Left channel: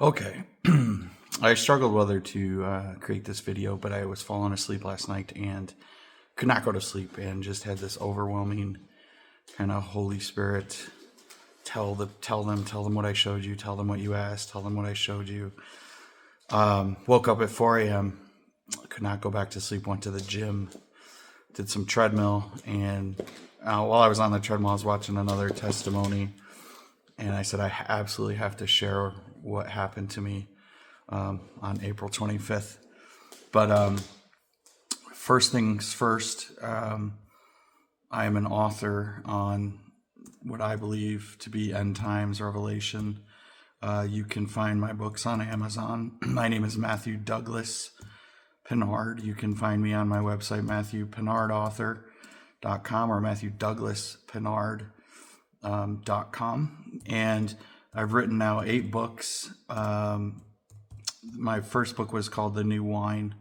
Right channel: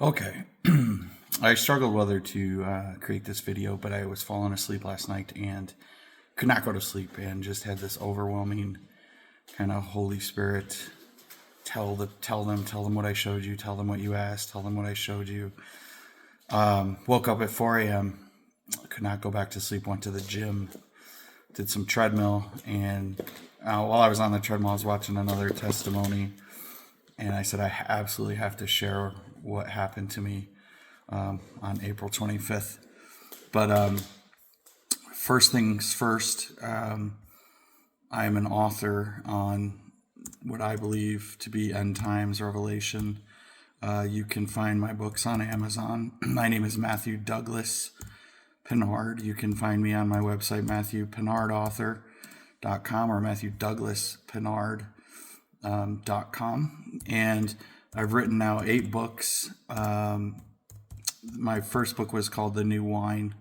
Okay. I struggled whether to create this video, but I was falling asleep last night and could not go to sleep and just had this overwhelming kind of Holy Spirit tell them what I showed you, tell them what you asked, tell them what I showed you. Woke up at 4 a.m. Could not go back to sleep, went to the gym, did some treadmill, and while I was on the treadmill, I was watching another testimony, and I said, I absolutely have to share what happened to me on April 25th. But first things first, I am an author on what I believe to be end times revelation. You can find my books on Amazon. My name is Matthew Douglas Pinard. You can find me on my website, MatthewPinardAuthor.com or MatthewDouglasPinard.com. And I've written now 8 books. My first book was called The New Wine.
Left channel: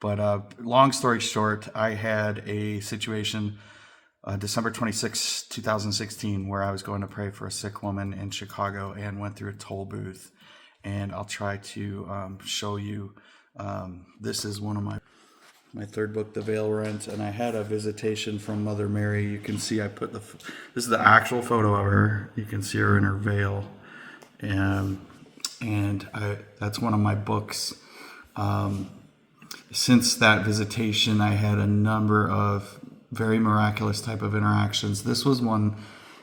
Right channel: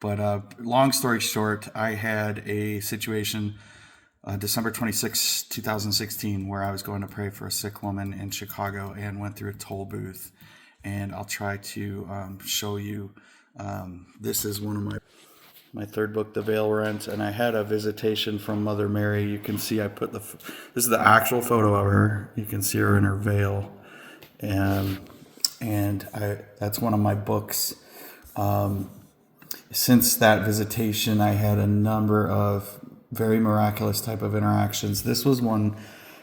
But long story short, I had a situation December 26, 2016, where I was going to pray for a sick woman in Chicago and went through a toll booth. And I'll try to show you. This is one of my third book, The Veil Rent, and I had a visitation from Mother Mary. You can see I put this is the actual photo of her. You can see her in her veil, and that's one of my books. Since that visitation, I had a number of very miraculous type of interactions. This was one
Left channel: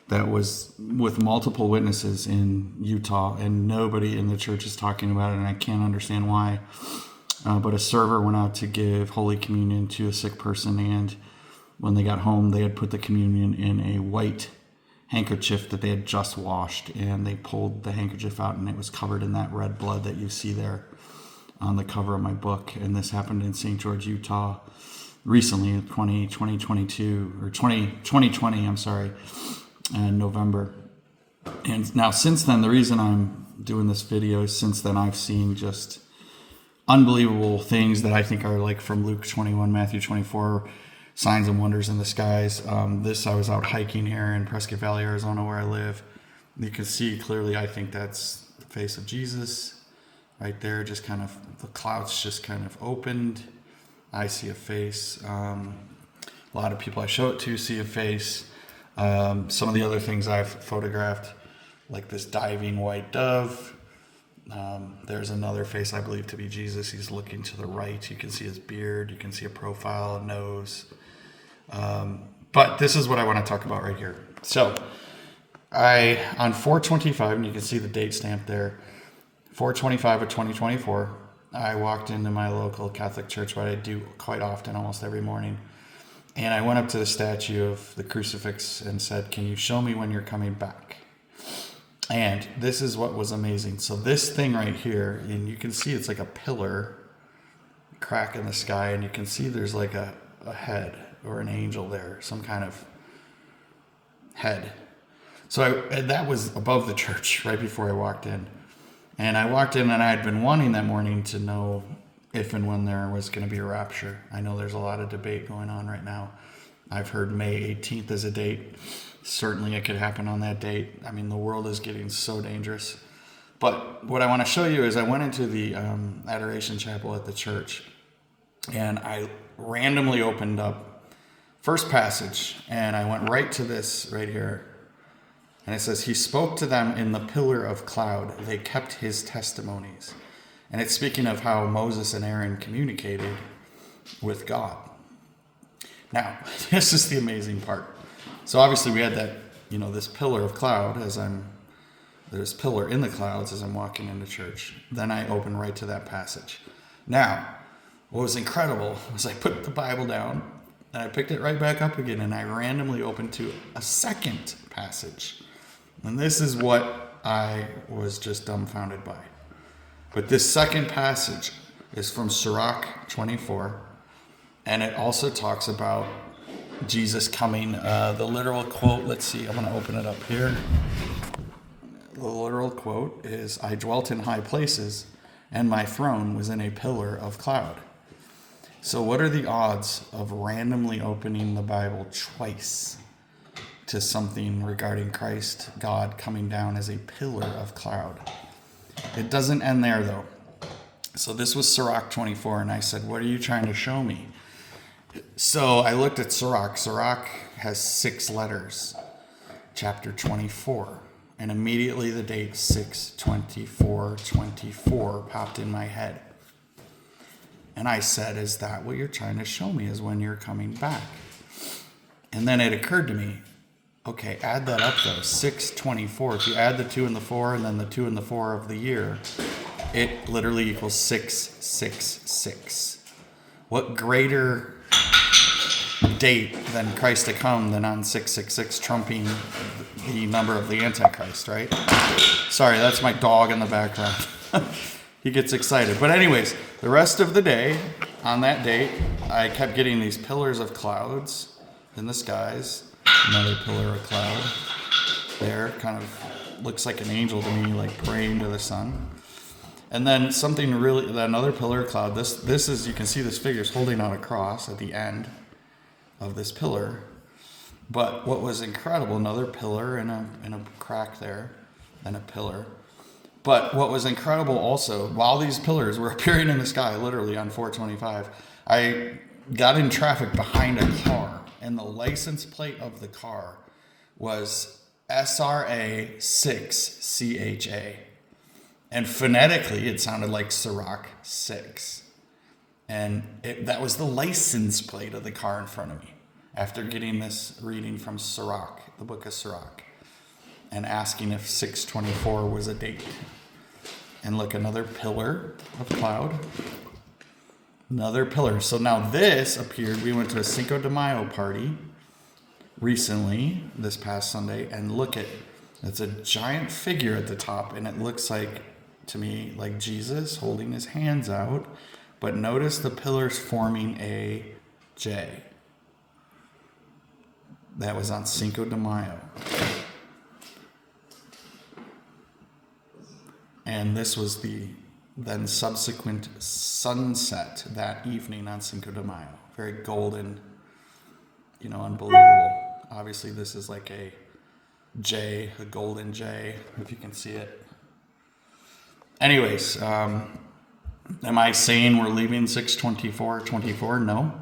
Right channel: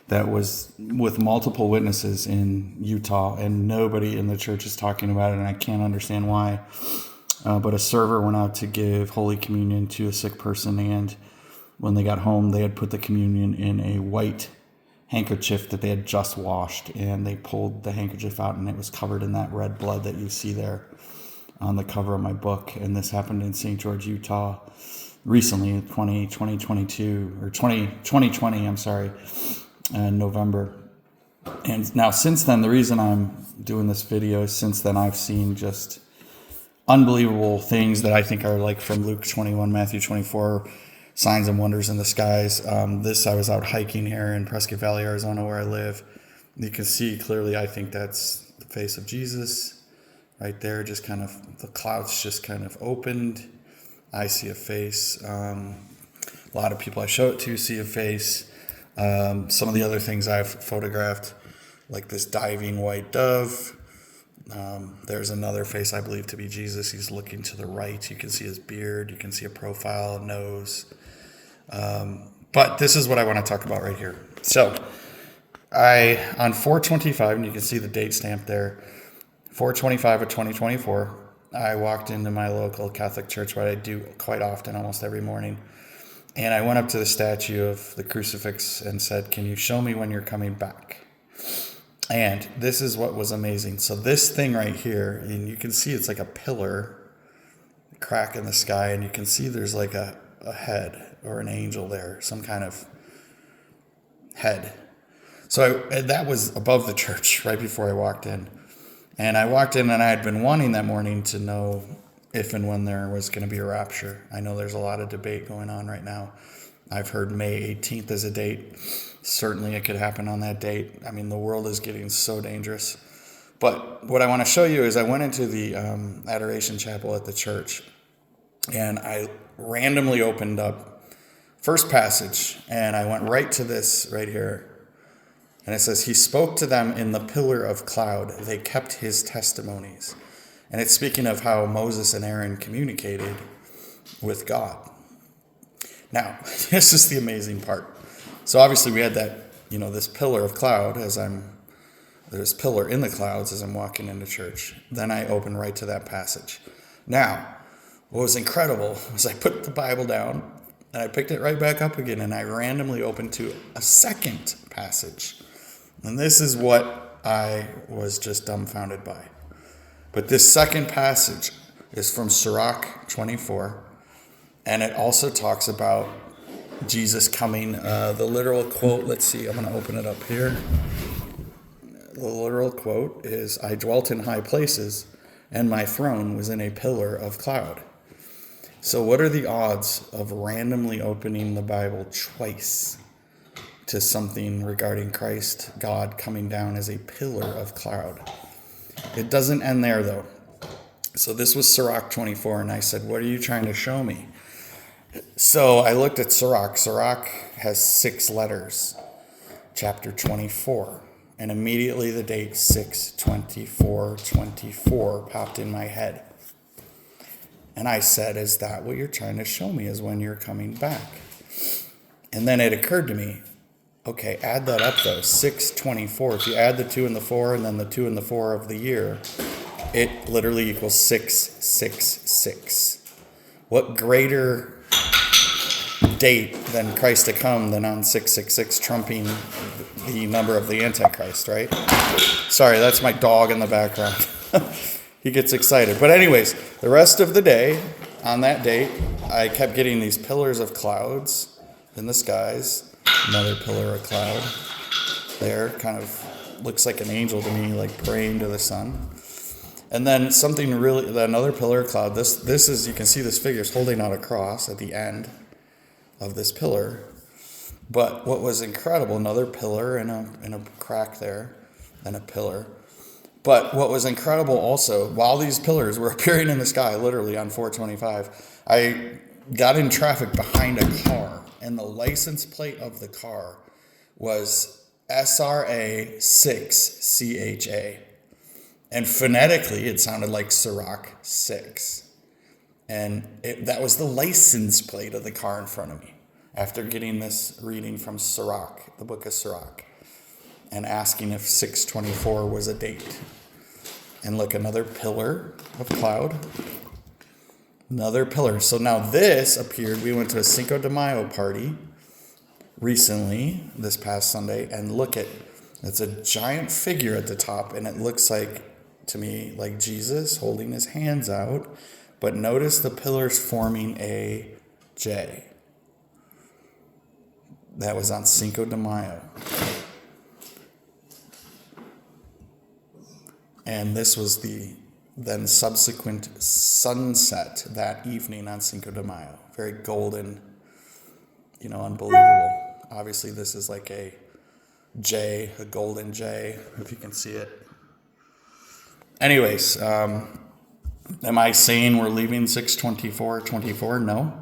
that was with multiple witnesses in Utah, and nobody in the church is talking about it, and I can't understand why. But a server went out to give Holy Communion to a sick person, and when they got home, they had put the communion in a white handkerchief that they had just washed, and they pulled the handkerchief out, and it was covered in that red blood that you see there on the cover of my book. And this happened in St. George, Utah, recently in 2020, I'm sorry, in November. And now since then, the reason I'm doing this video is since then I've seen just unbelievable things that I think are like from Luke 21, Matthew 24, signs and wonders in the skies. I was out hiking here in Prescott Valley, Arizona, where I live. You can see clearly, I think that's the face of Jesus right there. Just kind of, the clouds just kind of opened. I see a face. A lot of people I show it to see a face. Some of the other things I've photographed, like this diving white dove. There's another face I believe to be Jesus. He's looking to the right. You can see his beard. You can see a profile, a nose. But this is what I want to talk about right here. So on 4/25, and you can see the date stamp there, 4/25 of 2024, I walked into my local Catholic church, what I do quite often, almost every morning. And I went up to the statue of the crucifix and said, "Can you show me when you're coming back?" And this is what was amazing. So this thing right here, and you can see it's like a pillar, crack in the sky, and you can see there's like a head or an angel there, some kind of head. So that was above the church right before I walked in. And I walked in, and I had been wanting that morning to know if and when there was going to be a rapture. I know there's a lot of debate going on right now. I've heard May 18th as a date. Certainly it could happen on that date. I mean, the world is getting so dangerous. But what I want to show you is I went into the Adoration Chapel at the church, and I randomly opened up first passage, and I went right to this right here. And it says, "He spoke to them in the pillar of cloud. They kept his testimonies." And it's speaking of how Moses and Aaron communicated with God. Now, this is the amazing part. So obviously we had that, this pillar of cloud there's pillar in the clouds as I'm walking into church. Then I open right to that passage. Now, what was incredible was I put the Bible down and I picked it right back up again, and I randomly opened to a second passage. And this is what I was just dumbfounded by. But this second passage is from Sirach 24, and it also talks about Jesus coming. The literal quote, let's see, I'm going to open it up here. The literal quote is, "I dwelt in high places, and my throne was in a pillar of cloud." So what are the odds of randomly opening the Bible twice to something regarding Christ, God, coming down as a pillar of cloud? It doesn't end there, though. So this was Sirach 24, and I said, what are you trying to show me? So I looked at Sirach. Sirach has 6 letters, chapter 24. And immediately the date 6/24/24 popped in my head. And I said, is that what you're trying to show me, is when you're coming back? And then it occurred to me, okay, add that up though, 6/24. If you add the 2 and the 4 and then the 2 and the 4 of the year, it literally equals 666. What greater date than Christ to come than on 666, trumping the number of the Antichrist, right? Sorry, that's my dog in the background. He gets excited. But anyways, the rest of the day, on that date, I kept getting these pillars of clouds in the skies. Another pillar of cloud there, kind of looks like an angel to me, like praying to the sun. And then something really, another pillar of cloud. This is, you can see this figure is holding out a cross at the end of this pillar. But what was incredible, another pillar and a crack there, and a pillar. But what was incredible also, while these pillars were appearing in the sky, literally on 4/25, I got in traffic behind a car, and the license plate of the car was SRA 6CHA. And phonetically, it sounded like Sirach 6. And that was the license plate of the car in front of me after getting this reading from Sirach, the book of Sirach, and asking if 6/24 was a date. And look, another pillar of cloud. Another pillar. So now this appeared. We went to a Cinco de Mayo party recently, this past Sunday, and look at, it's a giant figure at the top, and it looks like, to me, like Jesus holding his hands out. But notice the pillars forming a J. That was on Cinco de Mayo. And this was the then subsequent sunset that evening on Cinco de Mayo. Very golden, unbelievable. Obviously, this is like a J, a golden J, if you can see it. Anyways, am I saying we're leaving 6/24/24? No.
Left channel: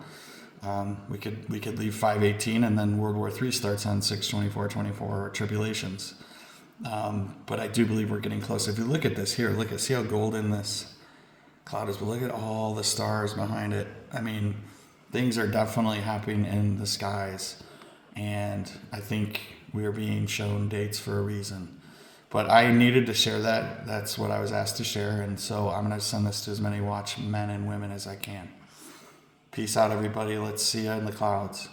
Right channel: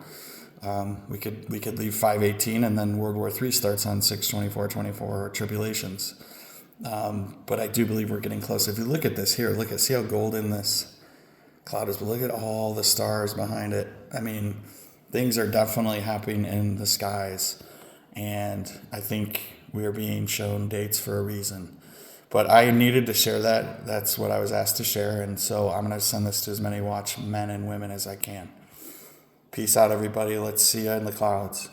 We could leave 5/18, and then World War III starts on 6/24/24, tribulations. But I do believe we're getting close. If you look at this here, see how golden this cloud is. But look at all the stars behind it. I mean, things are definitely happening in the skies, and I think we are being shown dates for a reason. But I needed to share that. That's what I was asked to share, and so I'm going to send this to as many watchmen and women as I can. Peace out, everybody. Let's see you in the clouds.